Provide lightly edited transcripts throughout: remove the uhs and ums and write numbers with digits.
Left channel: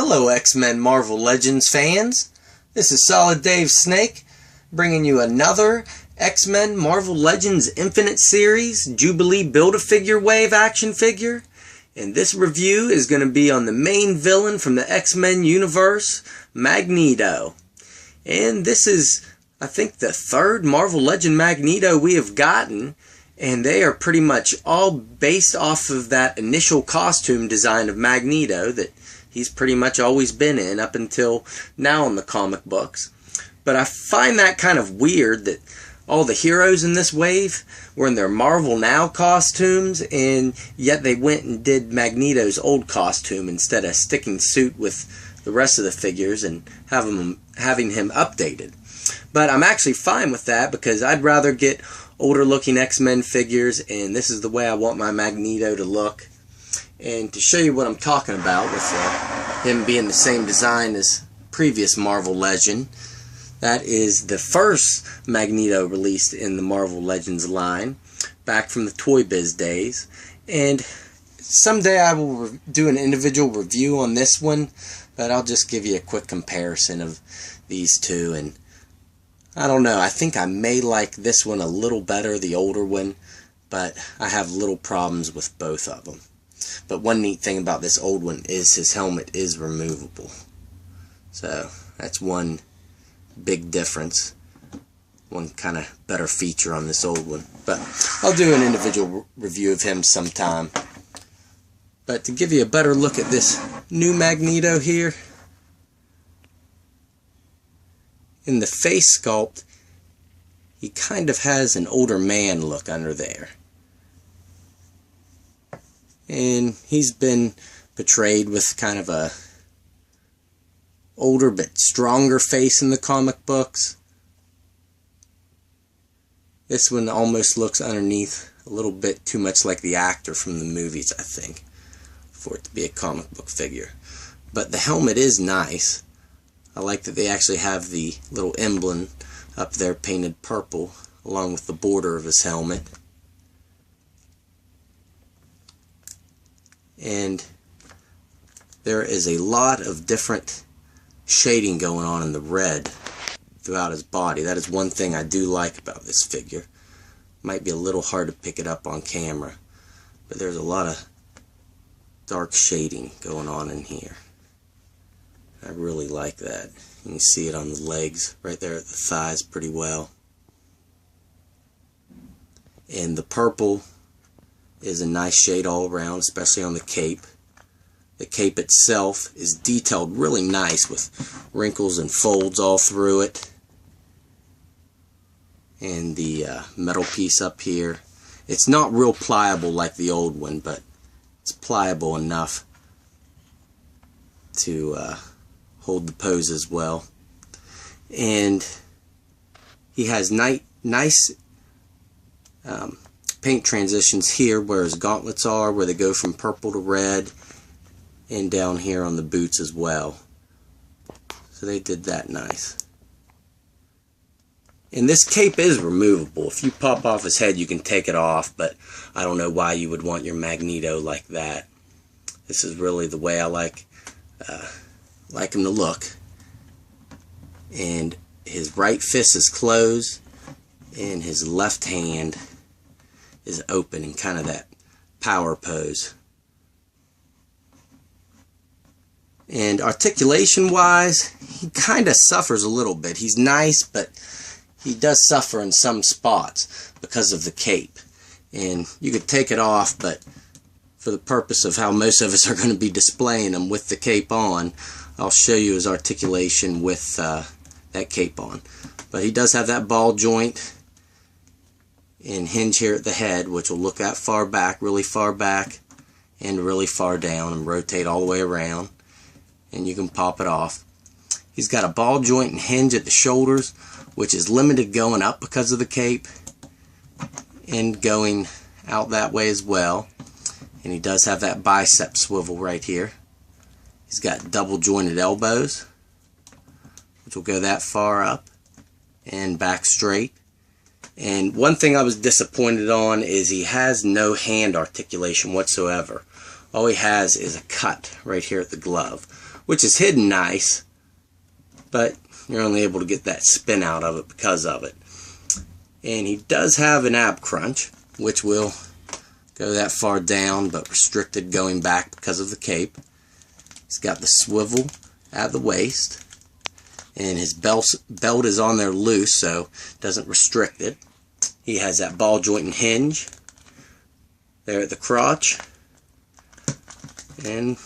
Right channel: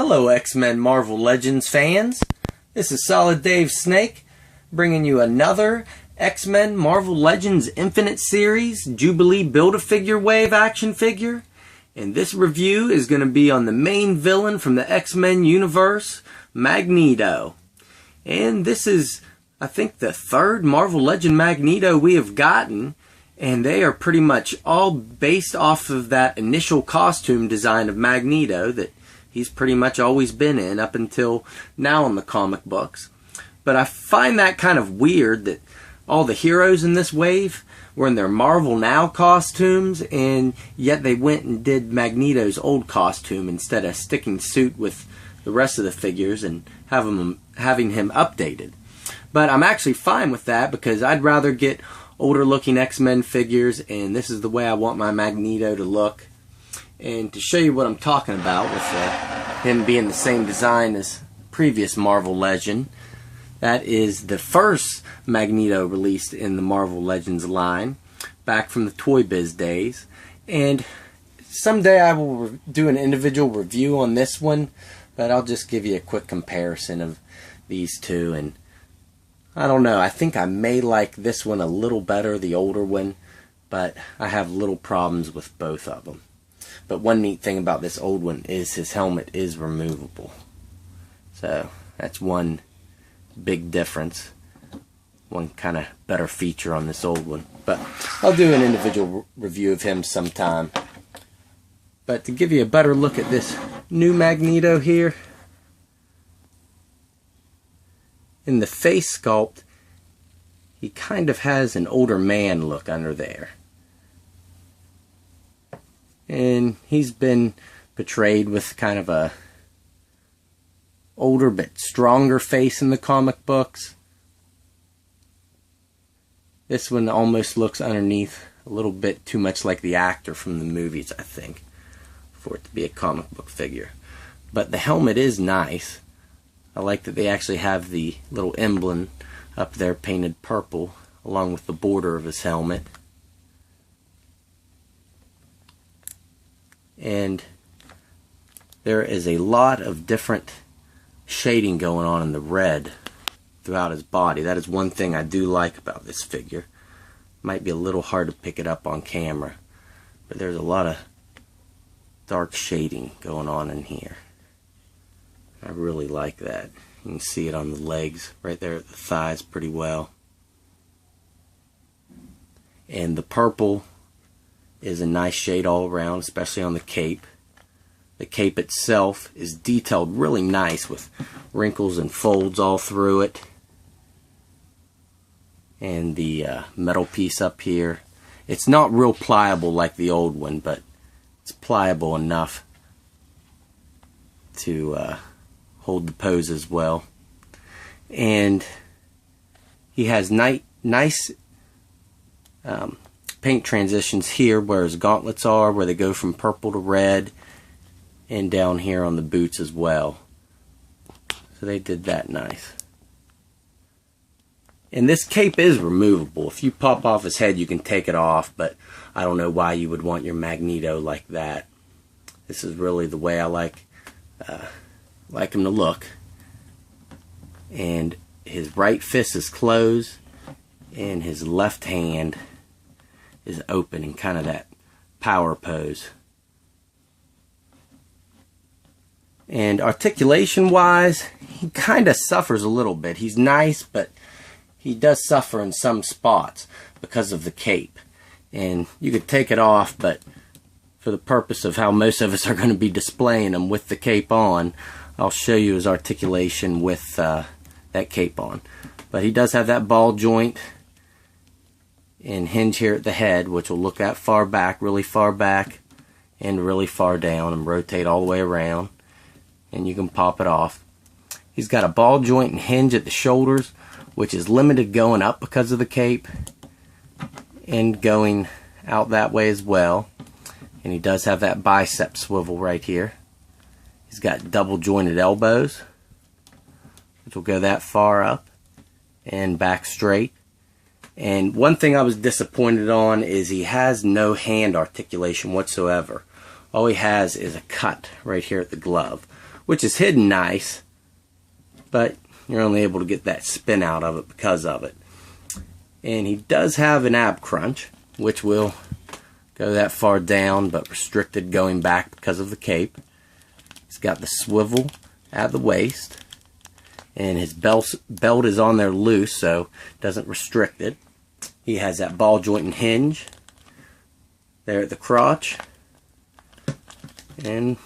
Hello X-Men Marvel Legends fans, this is Solid Dave Snake bringing you another X-Men Marvel Legends Infinite Series Jubilee Build-A-Figure Wave action figure, and this review is going to be on the main villain from the X-Men universe, Magneto. And this is, I think, the third Marvel Legend Magneto we have gotten, and they are pretty much all based off of that initial costume design of Magneto that he's pretty much always been in up until now in the comic books. But I find that kind of weird that all the heroes in this wave were in their Marvel Now costumes, and yet they went and did Magneto's old costume instead of sticking suit with the rest of the figures and having him updated. But I'm actually fine with that because I'd rather get older looking X-Men figures, and this is the way I want my Magneto to look. And to show you what I'm talking about with him being the same design as previous Marvel Legend, that is the first Magneto released in the Marvel Legends line back from the Toy Biz days. And someday I will do an individual review on this one, but I'll just give you a quick comparison of these two. And I don't know, I think I may like this one a little better, the older one, but I have little problems with both of them. But one neat thing about this old one is his helmet is removable. So that's one big difference. One kind of better feature on this old one. But I'll do an individual review of him sometime. But to give you a better look at this new Magneto here, in the face sculpt, he kind of has an older man look under there. And he's been portrayed with kind of a older but stronger face in the comic books. This one almost looks underneath a little bit too much like the actor from the movies, I think, for it to be a comic book figure. But the helmet is nice. I like that they actually have the little emblem up there painted purple along with the border of his helmet. And there is a lot of different shading going on in the red throughout his body. That is one thing I do like about this figure. Might be a little hard to pick it up on camera, but there's a lot of dark shading going on in here. I really like that. You can see it on the legs, right there at the thighs pretty well. And the purple is a nice shade all around, especially on the cape. The cape itself is detailed really nice with wrinkles and folds all through it. And the metal piece up here, it's not real pliable like the old one, but it's pliable enough to hold the pose as well. And he has nice paint transitions here where his gauntlets are, where they go from purple to red, and down here on the boots as well. So they did that nice. And this cape is removable. If you pop off his head, you can take it off, but I don't know why you would want your Magneto like that. This is really the way I like him to look. And his right fist is closed, and his left hand is open in kind of that power pose. And articulation wise, he kind of suffers a little bit. He's nice, but he does suffer in some spots because of the cape. And you could take it off, but for the purpose of how most of us are going to be displaying him with the cape on, I'll show you his articulation with that cape on. But he does have that ball joint and hinge here at the head, which will look that far back, really far back, and really far down, and rotate all the way around, and you can pop it off. He's got a ball joint and hinge at the shoulders, which is limited going up because of the cape, and going out that way as well. And he does have that bicep swivel right here. He's got double jointed elbows, which will go that far up and back straight. And one thing I was disappointed on is he has no hand articulation whatsoever. All he has is a cut right here at the glove, which is hidden nice, but you're only able to get that spin out of it because of it. And he does have an ab crunch, which will go that far down, but restricted going back because of the cape. He's got the swivel at the waist, and his belt is on there loose, so it doesn't restrict it. He has that ball joint and hinge there at the crotch, and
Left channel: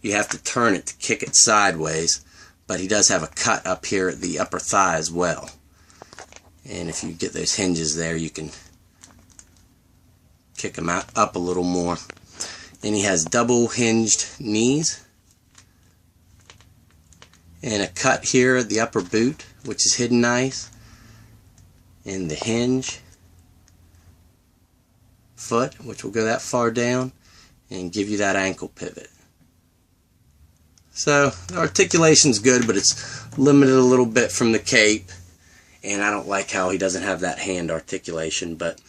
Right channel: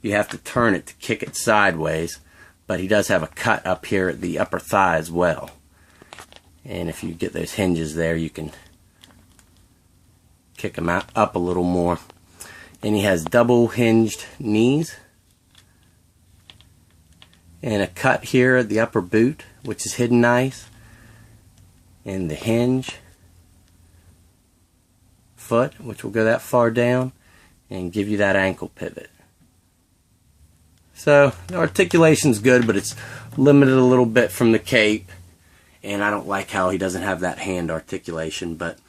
you have to turn it to kick it sideways, but he does have a cut up here at the upper thigh as well. And if you get those hinges there, you can kick him up a little more. And he has double hinged knees and a cut here at the upper boot, which is hidden nice, and the hinge foot, which will go that far down and give you that ankle pivot. So the articulation's good, but it's limited a little bit from the cape, and I don't like how he doesn't have that hand articulation. But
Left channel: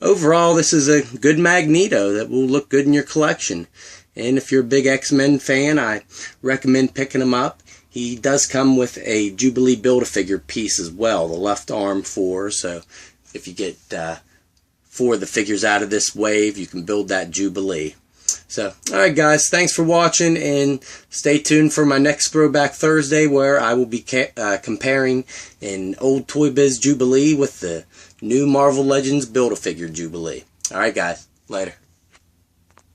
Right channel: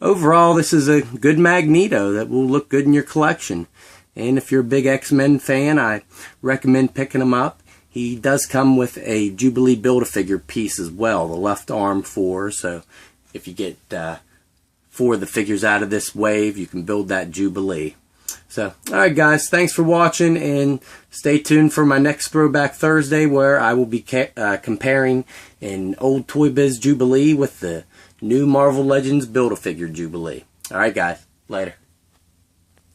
overall, this is a good Magneto that will look good in your collection. And if you're a big X-Men fan, I recommend picking him up. He does come with a Jubilee Build-A-Figure piece as well, the left arm 4. So if you get 4 of the figures out of this wave, you can build that Jubilee. So, alright guys, thanks for watching, and stay tuned for my next Throwback Thursday, where I will be comparing an old Toy Biz Jubilee with the new Marvel Legends Build-A-Figure Jubilee. Alright guys, later.